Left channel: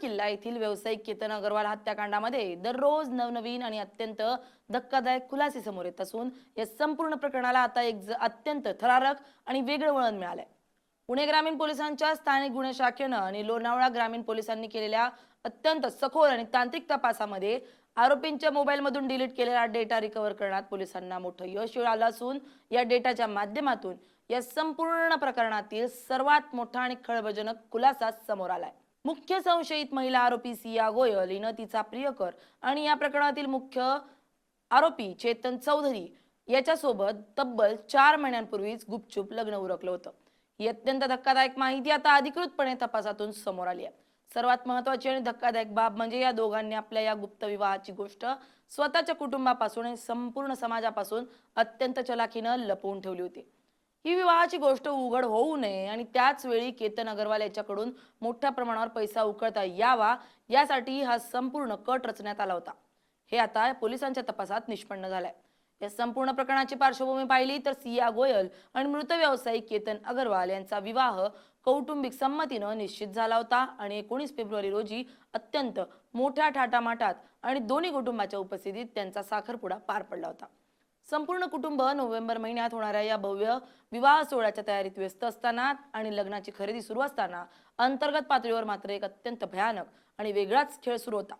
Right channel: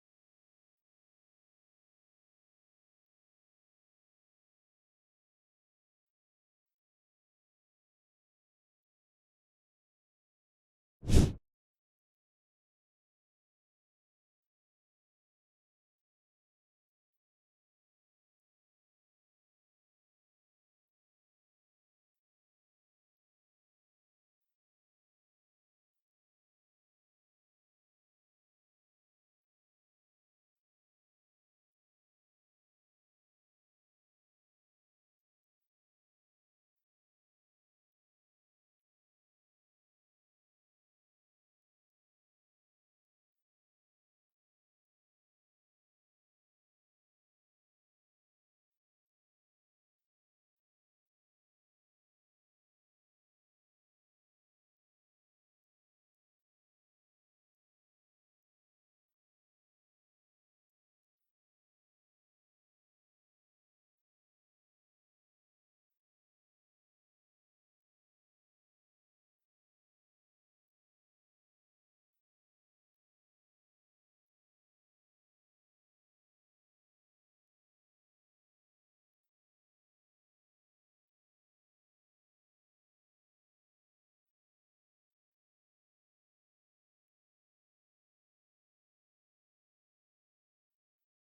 किल्ला येथील व्यावसायिक केतन अग्रवाल हत्याकांडामध्ये दररोज नवनवीन आणि अत्यंत धक्कादायक खुलासे समोर येत असून या संपूर्ण प्रकरणाला आता एक अत्यंत थरारक आणि वेगळं वळण मिळालंय। पुणे ग्रामीण पोलिसांच्या स्थानिक गुन्हे शाखेनं आणि लोणावळा ग्रामीण पोलिसांनी केलेल्या अत्यंत सखोल आणि तांत्रिक तपासामध्ये आरोपींच्या मोबाईलमधून डिलीट केलेला डेटा रिकव्हर करण्यात पोलिसांना मोठं यश आलं असून या डेटाच्या माध्यमातून या संपूर्ण प्रकरणातील सर्वात मोठा आणि खळबळजनक खुलासा समोर आलाय। मुख्य संशयित महिला आरोपी सिया गोयल हिनं तिचा प्रियकर आणि या प्रकरणातील मुख्य आरोपी चेतन चौधरी याच्यासोबत तब्बल 4 महिन्यांपूर्वीच गुपचूप लग्न उरकलं होतं। ही अत्यंत धक्कादायक माहिती आता अधिकृतपणे तपासातून समोर आली आहे। सर्वात महत्त्वाची आणि धक्कादायक बाब म्हणजे या दोघांनी आपल्या या गुप्त विवाहाची गोष्ट स्वतःच्या कुटुंबापासून आणि संपूर्ण समाजापासून अत्यंत चलाखीनं लपवून ठेवली होती। ही विवाहाची गोष्ट उघड होऊ नये आणि त्याच वेळी केतन अग्रवाल याच्याकडून मोठ्या प्रमाणावर पैसा उकळता यावा यासाठी हा संपूर्ण कट रचण्यात आला होता। हे आता पोलिसांच्या तपासात निष्पन्न झालंय। या संपूर्ण प्रकरणाची पार्श्वभूमी पाहिली तर सिया गोयल आणि मृत व्यावसायिक केतन अग्रवाल यांचा विवाह कौटुंबिक संमतीनं निश्चित झाला होता आणि 19 फेब्रुवारी रोजी अत्यंत मोठ्या थाटामाटात आणि दोन्ही कुटुंबाच्या उपस्थितीत त्यांचा साखरपुडा पार पडला होता। संपूर्ण कुटुंब नोव्हेंबर महिन्यात होणाऱ्या या भव्य विवाह सोहळ्याच्या तयारीत व्यस्त असताना आणि लग्नाची खरेदी सुरू असताना अंतर्गत पातळीवर मात्र एक अत्यंत भयानक आणि वेगळाच खेळ सुरू होता।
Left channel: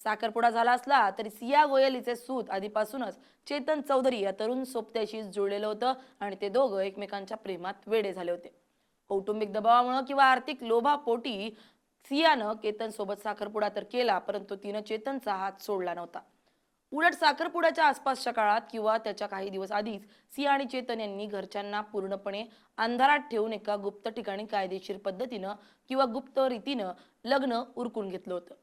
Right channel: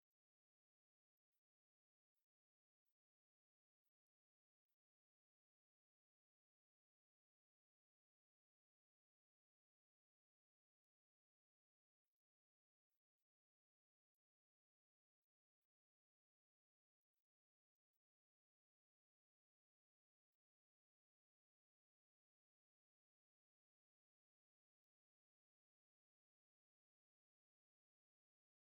साखरपुडा झाला असला तरी सिया गोयल हिचे सूत आधीपासूनच चेतन चौधरी या तरुण सोबत्याशी जुळलेलं होतं आणि ते दोघं एकमेकांच्या प्रेमात वेडे झाले होते। कौटुंबिक दबावामुळे किंवा आर्थिक लोभापोटी सियानं केतन सोबत साखरपुडा तर केला, परंतु तिनं चेतनचा हात सोडला नव्हता। उलट साखरपुड्याच्या आसपासच्या काळात किंवा त्याच्या काही दिवस आधीच सिया आणि चेतन यांनी घरच्यांना पूर्णपणे अंधारात ठेवून एका गुप्त ठिकाणी कायदेशीर पद्धतीनं किंवा गुप्त रीतीनं लग्न उरकून घेतलं होतं।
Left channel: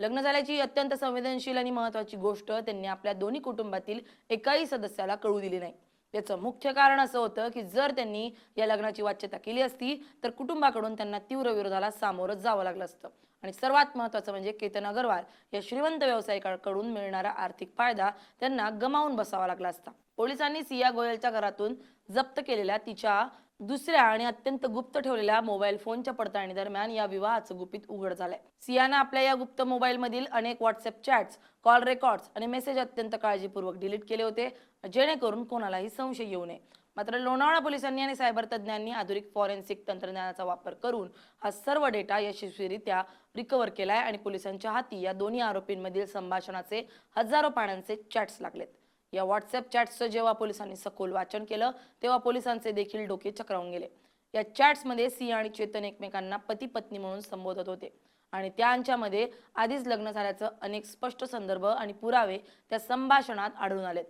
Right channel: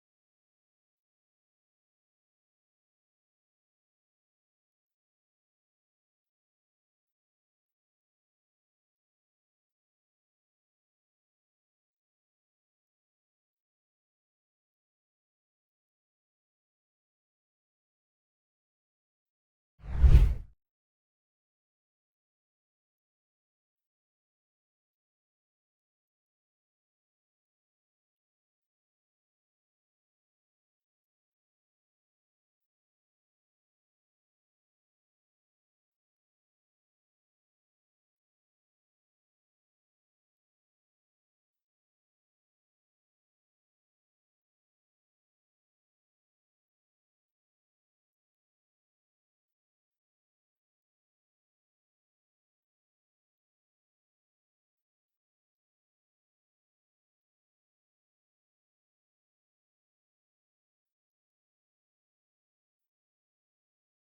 लग्न झाल्याची अत्यंत संवेदनशील आणि महत्त्वाची गोष्ट त्यांनी आपल्या दोन्ही कुटुंबातील एकाही सदस्याला कळू दिली नाही। त्याचं मुख्य कारण असं होतं की जर त्यांनी या लग्नाची वाच्यता केली असती तर कुटुंबाकडून त्यांना तीव्र विरोधाला सामोरं जावं लागलं असतं आणि सर्वात महत्त्वाचं म्हणजे केतन अग्रवाल या श्रीमंत व्यावसायिकाकडून मिळणारा आर्थिक फायदा त्यांना गमावून बसावा लागला असता। पोलिसांनी सिया गोयलच्या घरातून जप्त केलेल्या तिच्या दुसऱ्या आणि अत्यंत गुप्त ठेवलेल्या मोबाईल फोनच्या पडताळणी दरम्यान या विवाहाचं गुपित उघड झालंय। सियानं आपल्या या गुप्त मोबाईल मधील अनेक व्हॉट्सअप चॅट्स, कॉल रेकॉर्ड्स आणि मेसेज अत्यंत काळजीपूर्वक डिलीट केले होते जेणेकरून कोणालाही संशय येऊ नये। मात्र लोणावळा पोलिसांनी आणि सायबर तज्ज्ञांनी आधुनिक फॉरेन्सिक तंत्रज्ञानाचा वापर करून हा सर्व डेटा यशस्वीरित्या रिकव्हर केलाय आणि पोलिसांच्या हाती या दोन्ही आरोपींमधील संभाषणाचे हजारो पानांचे चॅट्स लागलेत। या व्हॉट्सअप चॅट्सचं जेव्हा पोलिसांनी सखोल वाचन केलं तेव्हा पोलिसांचे देखील डोके चक्रावून गेले। या चॅट्समध्ये सिया आणि चेतन एकमेकांना पती पत्नी म्हणून संबोधत होते आणि त्यांच्यामध्ये आधीच लग्न झाल्याचं अनेक स्पष्ट संदर्भ आणि पुरावे त्या संभाषणात आढळून आलेत।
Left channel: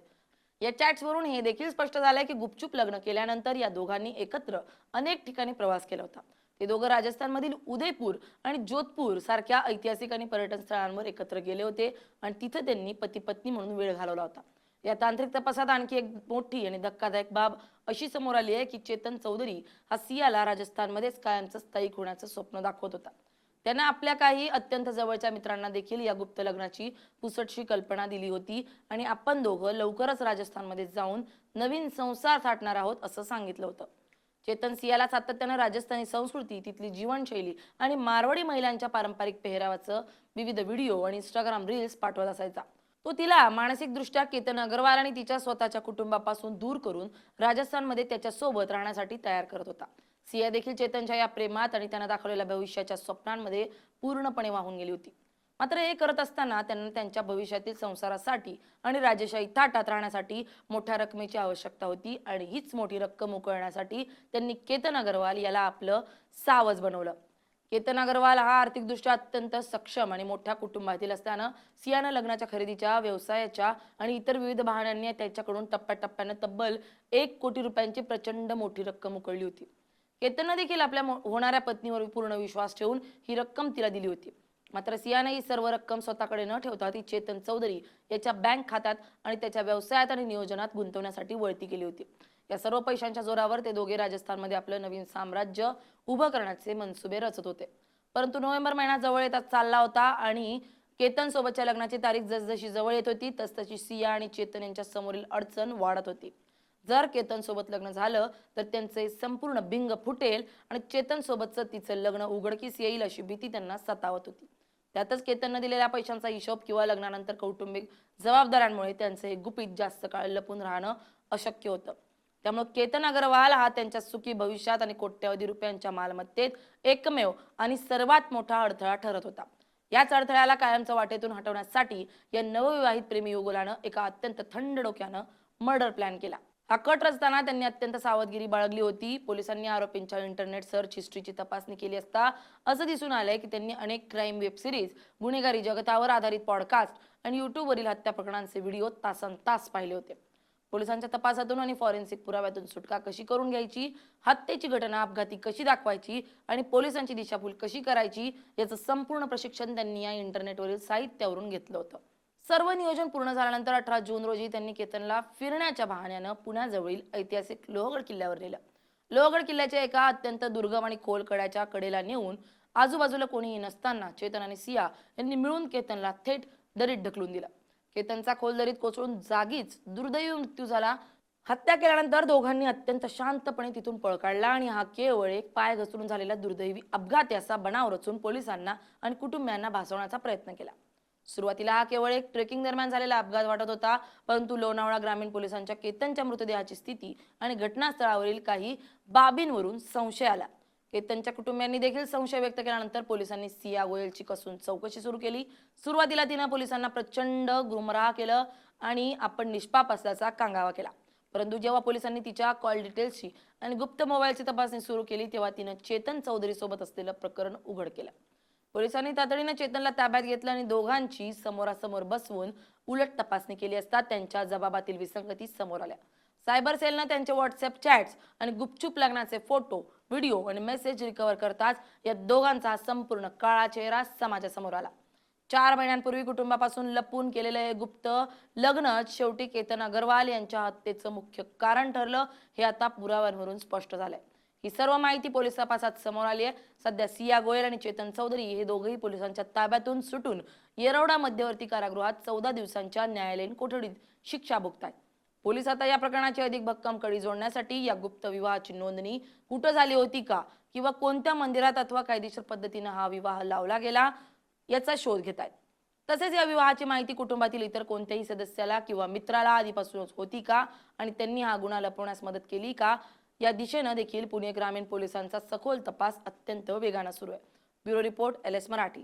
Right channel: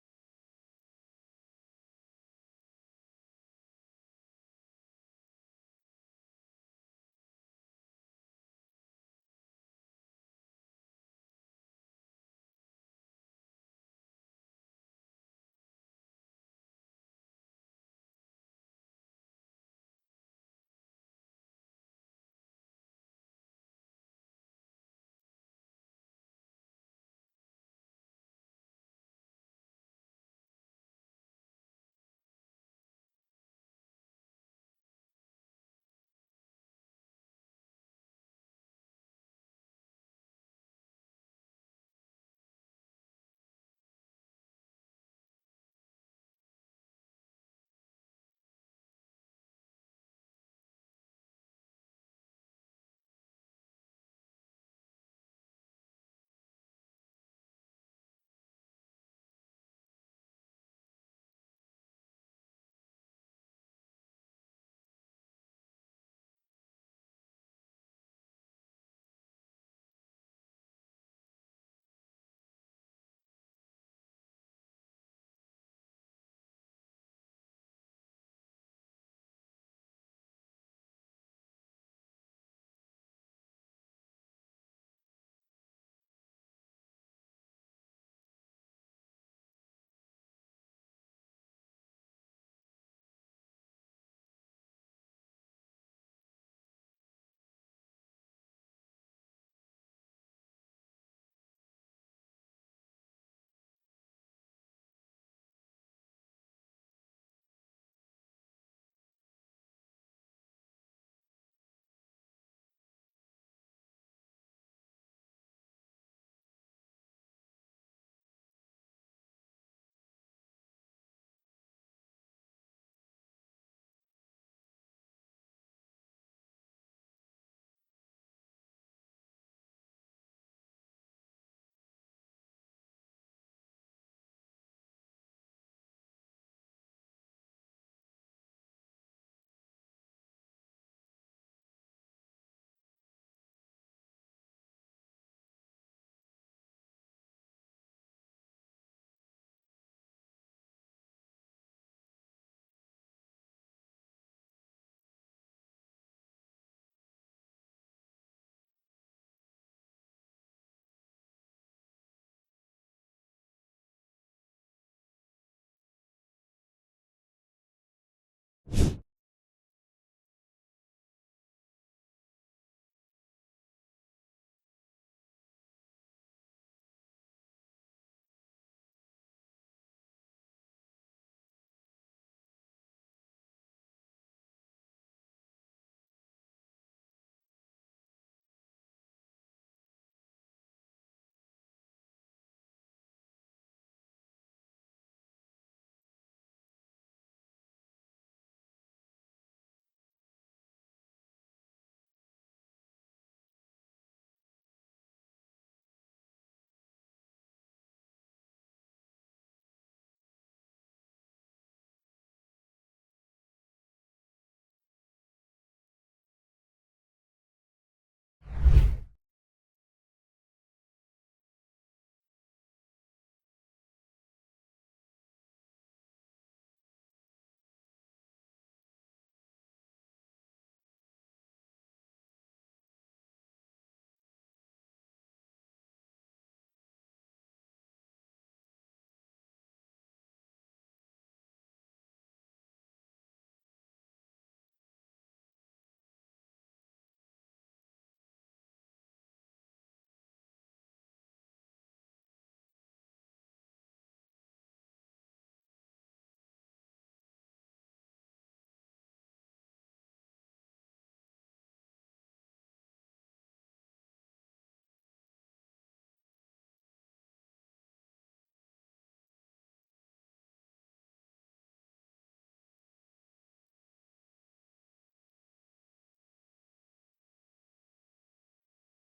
या चॅट्सवरून हे देखील स्पष्ट झालंय की गुपचूप लग्न केल्यानंतर या दोघांनी एकत्र अनेक ठिकाणी प्रवास केला होता। ते दोघं राजस्थानमधील उदयपूर आणि जोधपूर सारख्या ऐतिहासिक आणि पर्यटन स्थळांवर एकत्र गेले होते आणि तिथे त्यांनी पती पत्नी म्हणून वेळ घालवला होता। या तांत्रिक तपासात आणखी एक मोठी आणि धक्कादायक बाब अशी समोर आली आहे की चेतन चौधरी हा सियाला राजस्थानमध्येच कायमचं स्थायिक होण्याचं स्वप्न दाखवत होता। त्यानं आपल्या काही अत्यंत जवळच्या मित्रांना देखील या गुप्त लग्नाची पुसटशी कल्पना दिली होती आणि आपण दोघं लवकरच राजस्थानमध्ये जाऊन नवीन संसार थाटणार आहोत असं सांगितलं होतं। चेतन सियाला सातत्यानं राजस्थानी संस्कृती, तिथली जीवनशैली आणि मारवाडी महिलांच्या पारंपरिक पेहरावाचं विविध व्हिडिओ आणि इंस्टाग्राम रील्स पाठवत असायचा। तो तिला मानसिकदृष्ट्या केतन अग्रवाल आणि तिच्या स्वतःच्या कुटुंबापासून दूर करून राजस्थानमध्ये त्याच्यासोबत राहण्यासाठी तयार करत होता। सिया देखील चेतनच्या या प्रेमात आणि त्यानं दाखवलेल्या भविष्याच्या स्वप्नांमध्ये पूर्णपणे वाहून गेली होती। मात्र हे करत असताना त्यांना त्यांच्या भविष्यातील संसारासाठी आणि राजेशाही थाटात राहण्यासाठी मोठ्या रकमेची आवश्यकता होती आणि हीच मोठी रक्कम उकळण्यासाठी त्यांनी केतन अग्रवाल याला आपलं सावज बनवलं। केतन अग्रवाल हा आर्थिकदृष्ट्या अत्यंत सक्षम आणि मोठ्या कुटुंबातील असताना सियानं लग्नाच्या खरेदीच्या, व्यवसायाच्या आणि इतर विविध बहाण्यांनी त्याच्याकडून टप्प्याटप्प्यानं तब्बल 1 कोटी रुपयांची प्रचंड मोठी रक्कम उकळली होती। केतननं देखील आपल्या होणाऱ्या पत्नीवर पूर्ण विश्वास ठेवून ही रक्कम तिला दिली होती। मात्र सियानं ही सर्व रक्कम स्वतःकडे न ठेवता ती चेतन चौधरी याच्या बँक खात्यात आणि त्याच्या व्यवसायात आणि नियोजनात गुंतवण्यासाठी वळती केली होती। या सर्व पैशांच्या जोरावर ते दोघे राजस्थानमध्ये आपलं नवीन साम्राज्य उभं करण्याचे मनसुबे रचत होते। परंतु नोव्हेंबर महिना जवळ येतात चालला होता आणि केतन सोबतच्या लग्नाची तारीख जसजशी जवळ येत होती तसतशी सिया आणि चेतन यांच्या समोरील अडचण वाढत होती। जर केतन सोबत लग्न झालं तर त्यांचे संपूर्ण बिंग फुटेल आणि चेतन सोबतचं तिचं लग्न उघडकीस येईल अशी भीती त्यांना सतावत होती। त्यातच केतनने दिलेल्या पैशांचा हिशोब किंवा लग्नानंतर कौटुंबिक जबाबदाऱ्यांमुळे त्यांचे हे गुपित जास्त काळ लपून राहणं अशक्य होतं. त्यामुळे केतन अग्रवाल हा त्यांच्या सुखी भविष्यात आणि कोट्यवधी रुपयांच्या मालमत्तेत एकमेव आणि सर्वात मोठा अडथळा ठरत होता. याच अडथळ्याला कायमचं वाटेतून हटवण्यासाठी या नवविवाहित प्रेमी युगुलानं एका अत्यंत थंड डोक्यानं मर्डर प्लॅन केला. हा कट रचताना त्यांनी अत्यंत सावधगिरी बाळगली होती. पोलिसांनी आरोपींच्या इंटरनेट सर्च हिस्ट्रीची तपासणी केली असता असं दिसून आलंय की त्यांनी अनेक क्राईम वेब सिरीज, गुन्हेगारी जगतावर आधारित पॉडकास्ट आणि युट्यूबवरील हत्या प्रकरणांचे व्हिडिओ तासनतास पाहिले होते. पोलिसांच्या तपासातून आणि फॉरेन्सिक पुराव्यातून सुटका कशी करून घ्यायची, हत्येची घटना अपघाती कशी दाखवायची आणि पोलिसांची दिशाभूल कशी करायची याचं संपूर्ण प्रशिक्षण त्यांनी या इंटरनेटवरील साहित्यावरून घेतलं होतं. सर्व नियोजन पूर्ण झाल्यानंतर 18 जून रोजी त्यांनी केतनला फिरण्याच्या बहाण्यानं पुण्याजवळील ऐतिहासिक लोहगड किल्ल्यावर नेलं. लोहगड किल्ल्याच्या एका अत्यंत दुर्गम आणि खोल कड्याच्या कडेला नेऊन आजूबाजूला कोणीही नसताना चेतन आणि सिया यांनी मिळून केतनला थेट दरीत ढकलून दिलं. केतनचा खोल दरीत कोसळून जागीच दुर्दैवी मृत्यू झाला. हत्या केल्यानंतर दोघांनी अत्यंत शांतपणे तिथून पळ काढला आणि हा केवळ एक पाय घसरून झालेला दुर्दैवी अपघात याचा बनाव रचून पोलिसांना आणि कुटुंबियांना भासवण्याचा प्रयत्न केला. सुरुवातीला हा केवळ एक ट्रेकिंग दरम्यान झालेला अपघात वाटत होता, परंतु लोणावळा ग्रामीण पोलिसांच्या केतनच्या मृतदेहाची स्थिती आणि घटनास्थळावरील काही बाबींवरून संशय आला. केतनच्या कुटुंबियांनी देखील संशय व्यक्त केल्यानंतर पोलिसांनी सिया गोयलची कसून चौकशी सुरू केली. सुरुवातीला तिनं पोलिसांना प्रचंड गुमराह केलं आणि आपण निष्पाप असल्याचा कांगावा केला. परंतु जेव्हा पोलिसांनी तिच्या कॉल डिटेल्सची आणि गुप्त मोबाईलची तपासणी सुरू केली तेव्हा तिनं चेतन चौधरी सोबत असलेलं प्रकरण उघड केलं. पोलिसांनी तातडीनं चेतनला ताब्यात घेतलं आणि दोघांची समोरासमोर बसवून उलट तपासणी केली असता त्यांच्या जबाबातील विसंगती समोर आल्या. सायबर सेलनं त्यांचे व्हॉट्सअप चॅट्स आणि गुपचूप लग्नाचे फोटो, व्हिडिओ आणि मेसेज रिकव्हर करताच या दोघांचा संपूर्ण काळा चेहरा समाजासमोर आला. 4 महिन्यांपूर्वी कुटुंबापासून लपून केलेलं हे गुप्त लग्नच शेवटी केतन अग्रवाल यांच्या हत्येचं मुख्य कारण ठरलं हे आता पुराव्यांवरून स्पष्ट झालंय. ही सर्व माहिती पोलीस तपासात समोर आली आहे. सध्या सिया गोयल आणि चेतन चौधरी हे दोघेही पोलिसांच्या ताब्यातून सुटून येरवडा मध्यवर्ती कारागृहात 14 दिवसांच्या न्यायालयीन कोठडीत शिक्षा भोगतायत. पोलीस आता या प्रकरणाची अधिक भक्कम कडी जोडण्यासाठी या गुप्त विवाहाची नोंदणी कुठं झाली होती का किंवा कोणत्या मंदिरात अथवा कायदेशीर पद्धतीने हा विवाह लावला गेला याचा शोध घेत आहेत. तसेच या विवाहाची माहिती कुटुंबातील इतर कोणत्याही सदस्याला किंवा मित्राला आधीपासूनच होती का आणि त्यांनी हा गुन्हा लपवण्यास मदत केली का या दिशेनं देखील पुणे ग्रामीण पोलिसांचा सखोल तपास अत्यंत वेगानं सुरू आहे. Bureau report LS Marathi.